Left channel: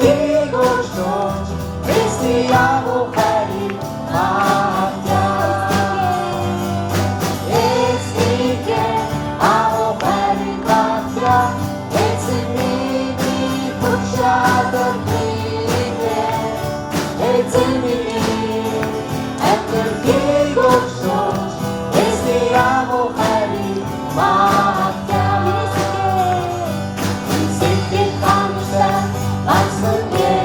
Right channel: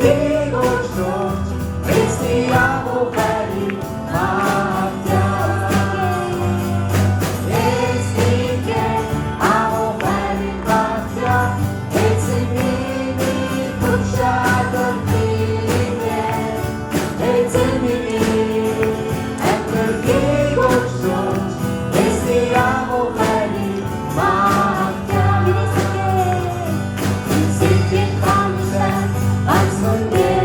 Бігушно, Християну хвалі Маття. Єстіке, амо хвалі Маття, Ецеміні кучадер міліке, Ецеміні, Епнер бігушно, Християну хвалі Маття. Сиквін хамштен, Ацнує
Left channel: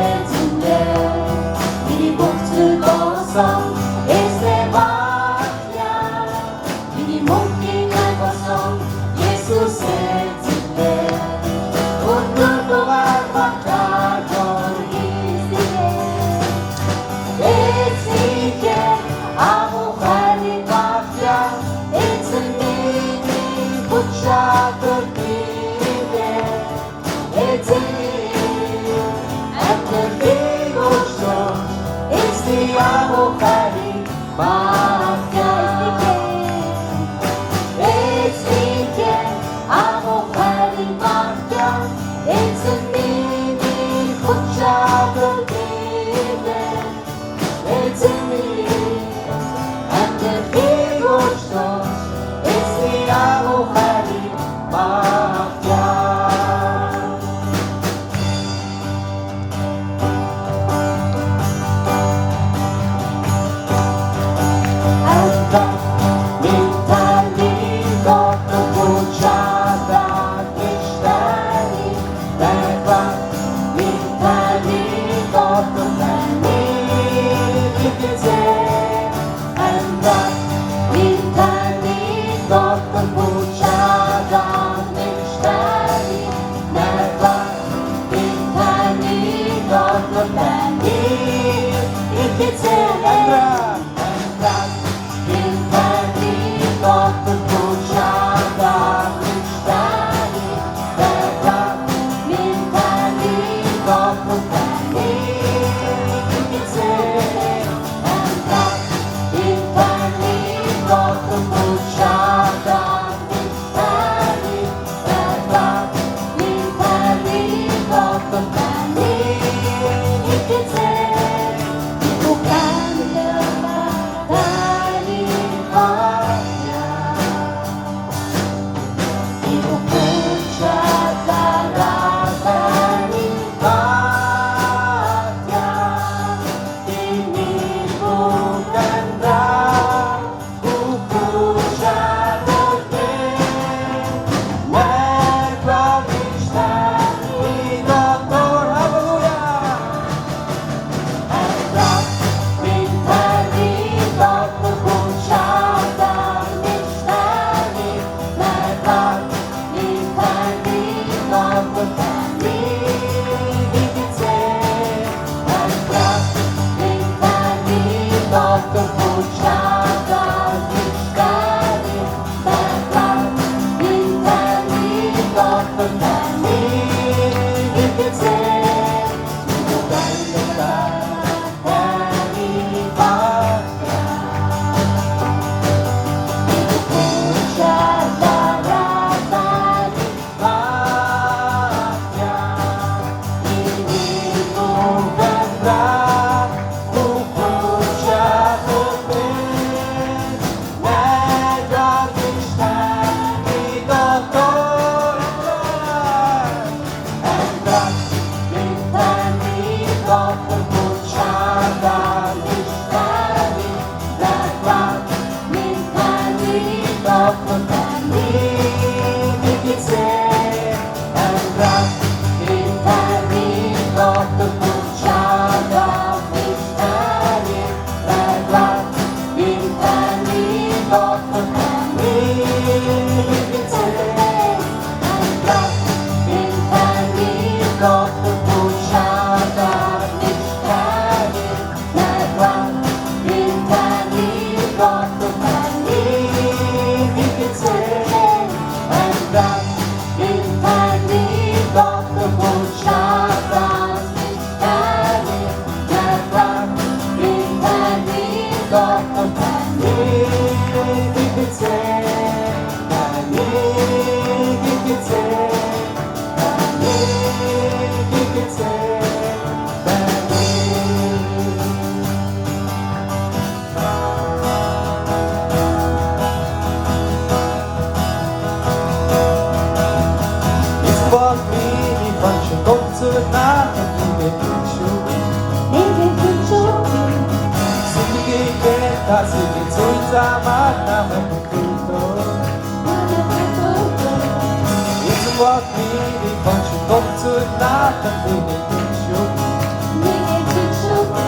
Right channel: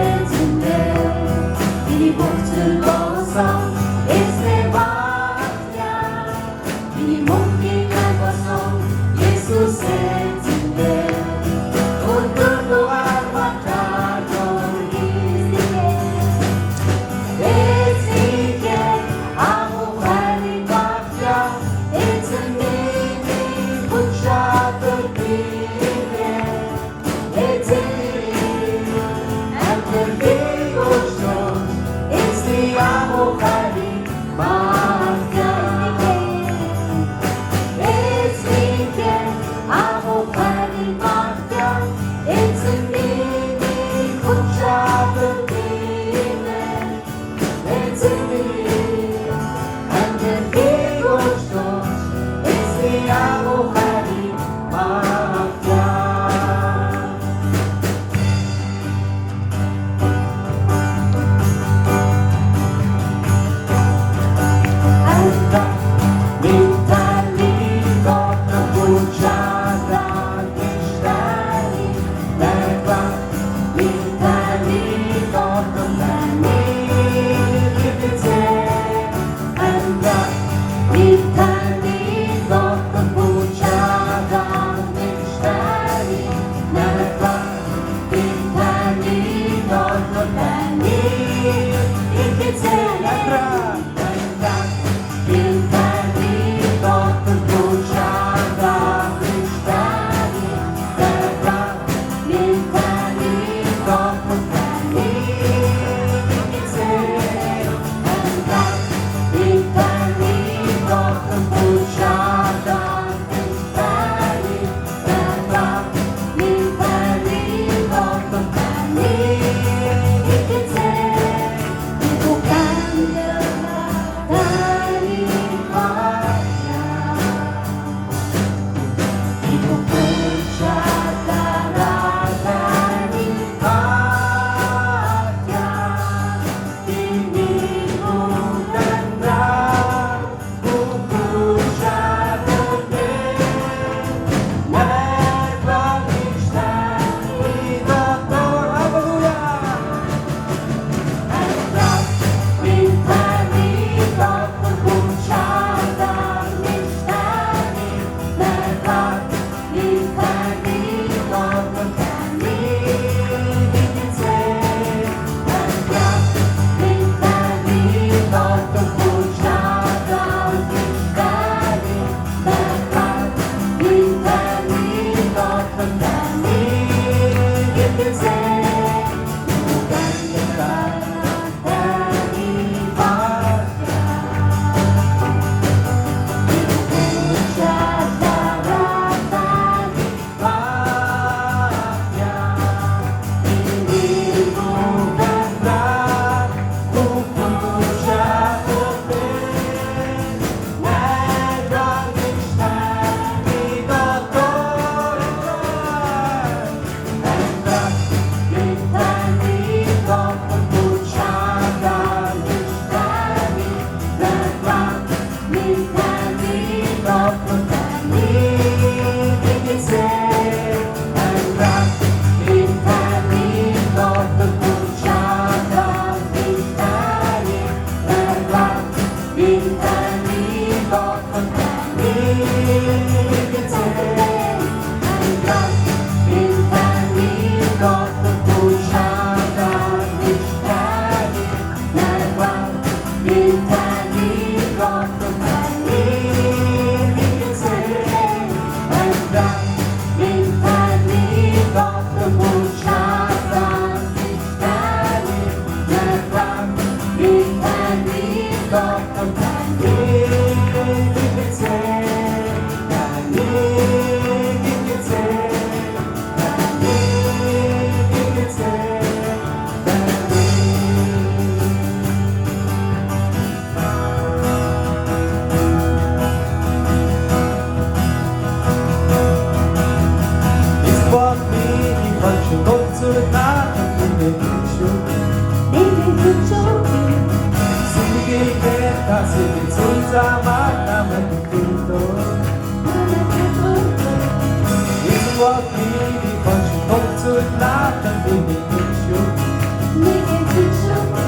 네게 비추게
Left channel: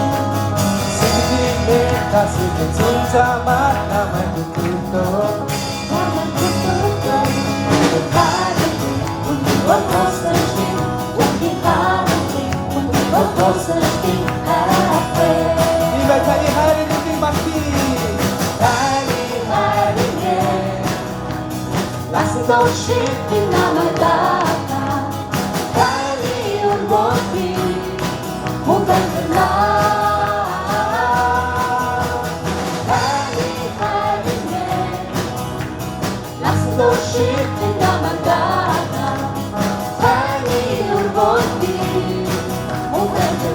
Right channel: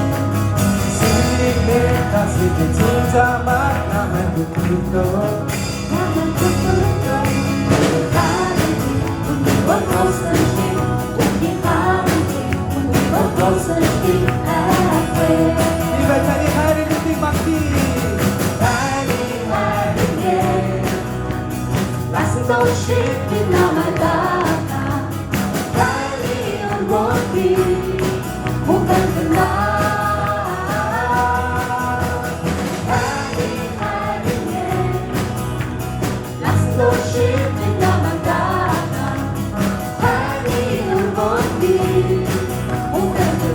생일이 내 가슴에 들자마 나만 부끄러 나를 기쁘게 What goes the street? When we come when we what goes the street? I pray. 이발탄이 하리는 띠막띠 Lasting those sheep in our love. Carry on what we won't get to Lasting those sheep in our love. Carry on what we won't get to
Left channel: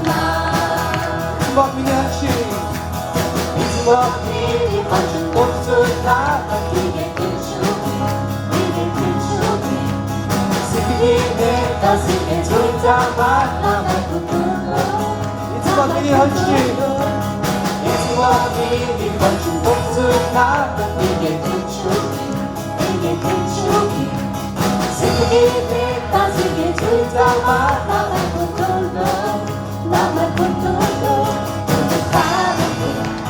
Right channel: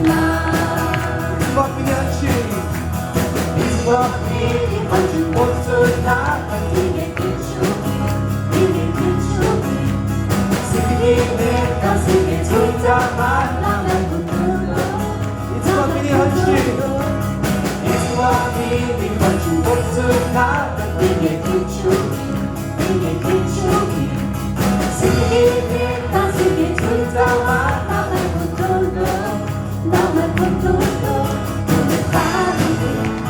먹미야치 It's what we want to go to happen. We get it 생일이 내 가슴에 들자마 나만 부끄러 It's what we want you It's what we want to go to happen. We get it 생일이 내 가슴에 들자마 나만 부끄러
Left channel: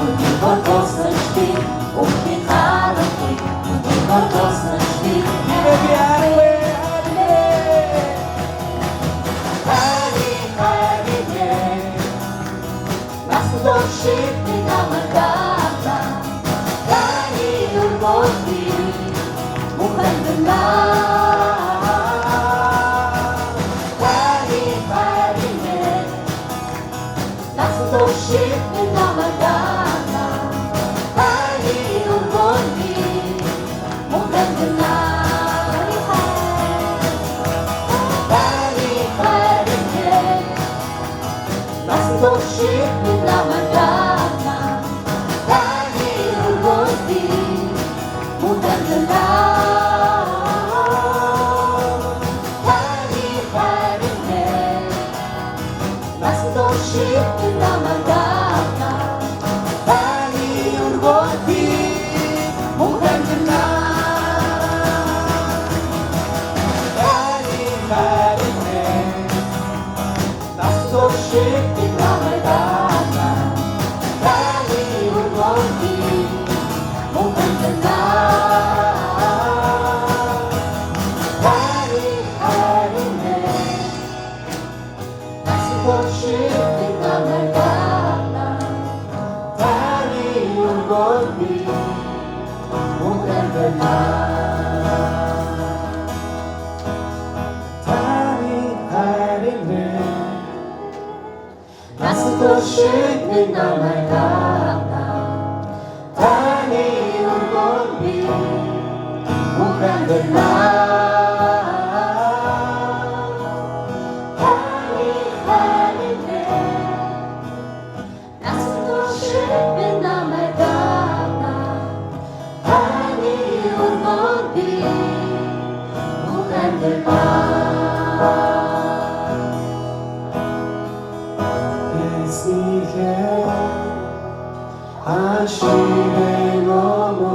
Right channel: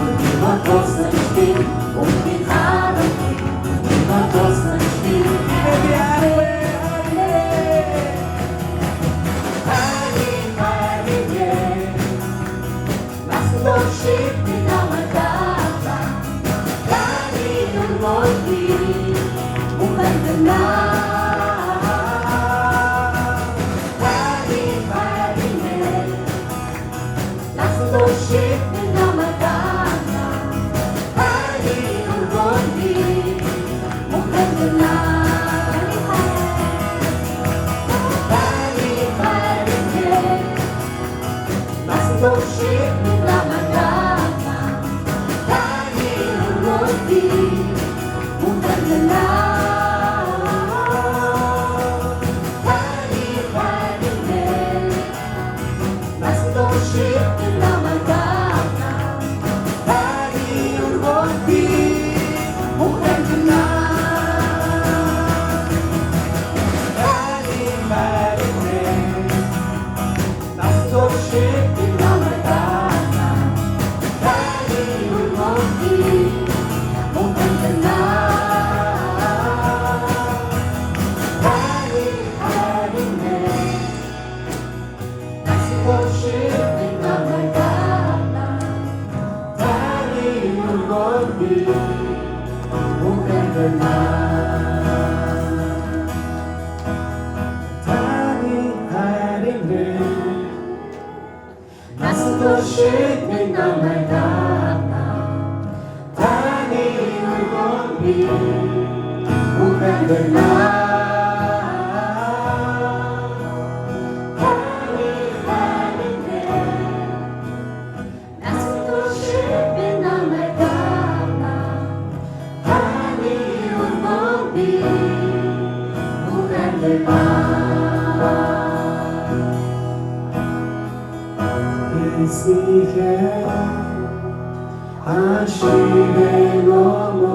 우리 what goes the street 우리 가는 길 what goes the street Baby 하루에 Lasting those sheep in our love. Carry on what we won't get to Lasting those sheep in our love. Carry on what we won't get to Lasting those sheep in our love. Carry on what we won't get to Lasting those sheep in our love. Carry on what we won't get to Lasting those sheep in our love. Carry on what we won't get to Lasting those sheep in our love. Carry on what we won't get to Lasting those sheep in our love. Carry on what we won't get to Lasting those sheep in our love. Carry on what we won't get to 있으게 아침에 넘어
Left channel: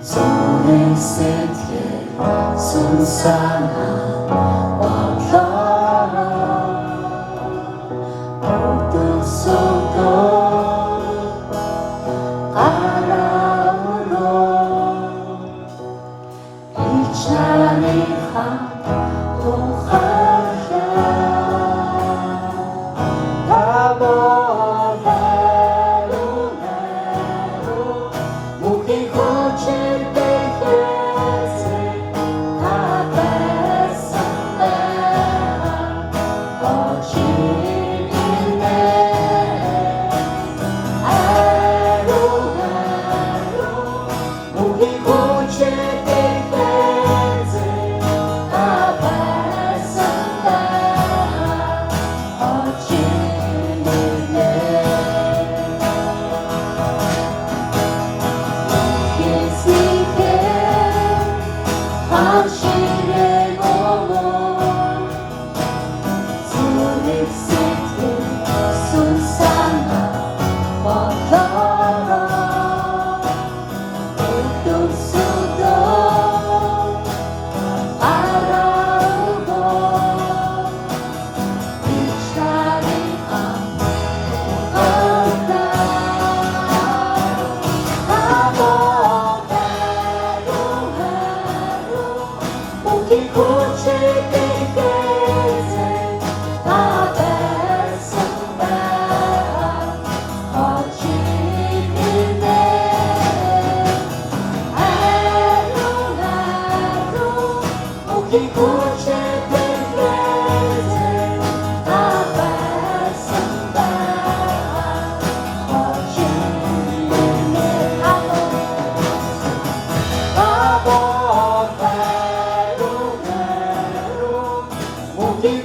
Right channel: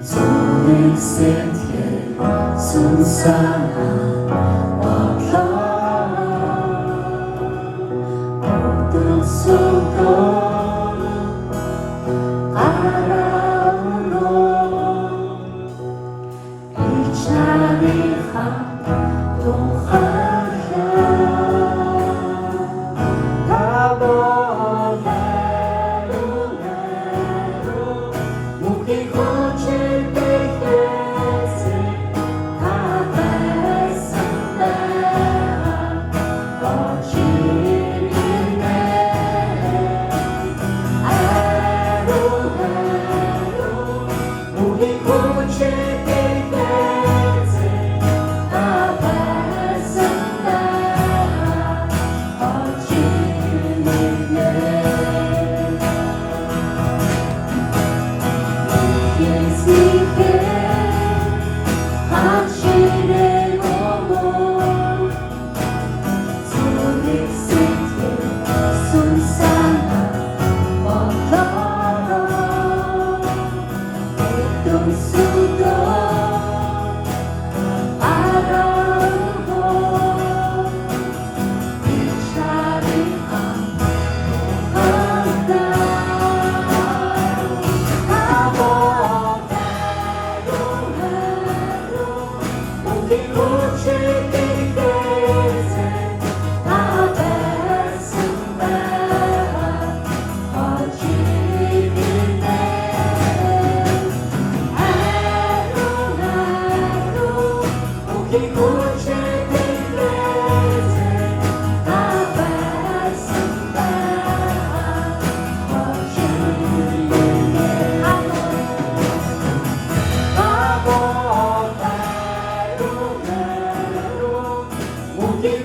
손을 세게 순산한 어떤 속도 바람으로 이 자리가 또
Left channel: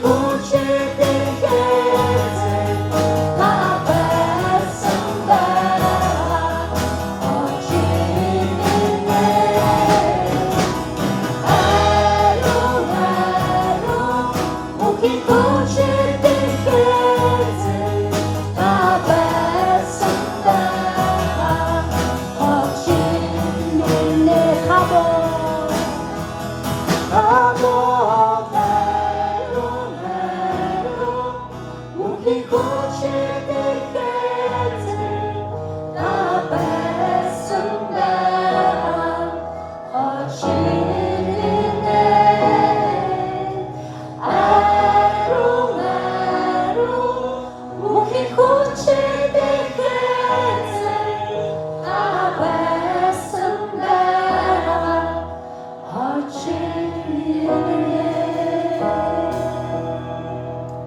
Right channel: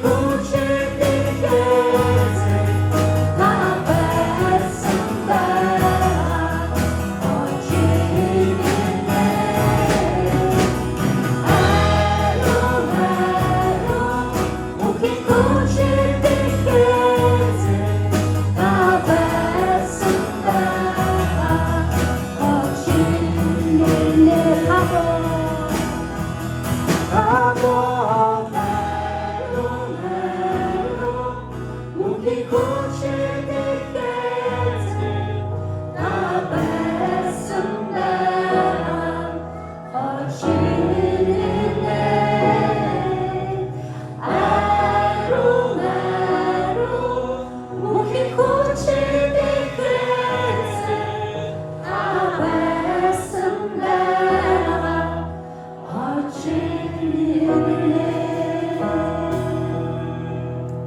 voce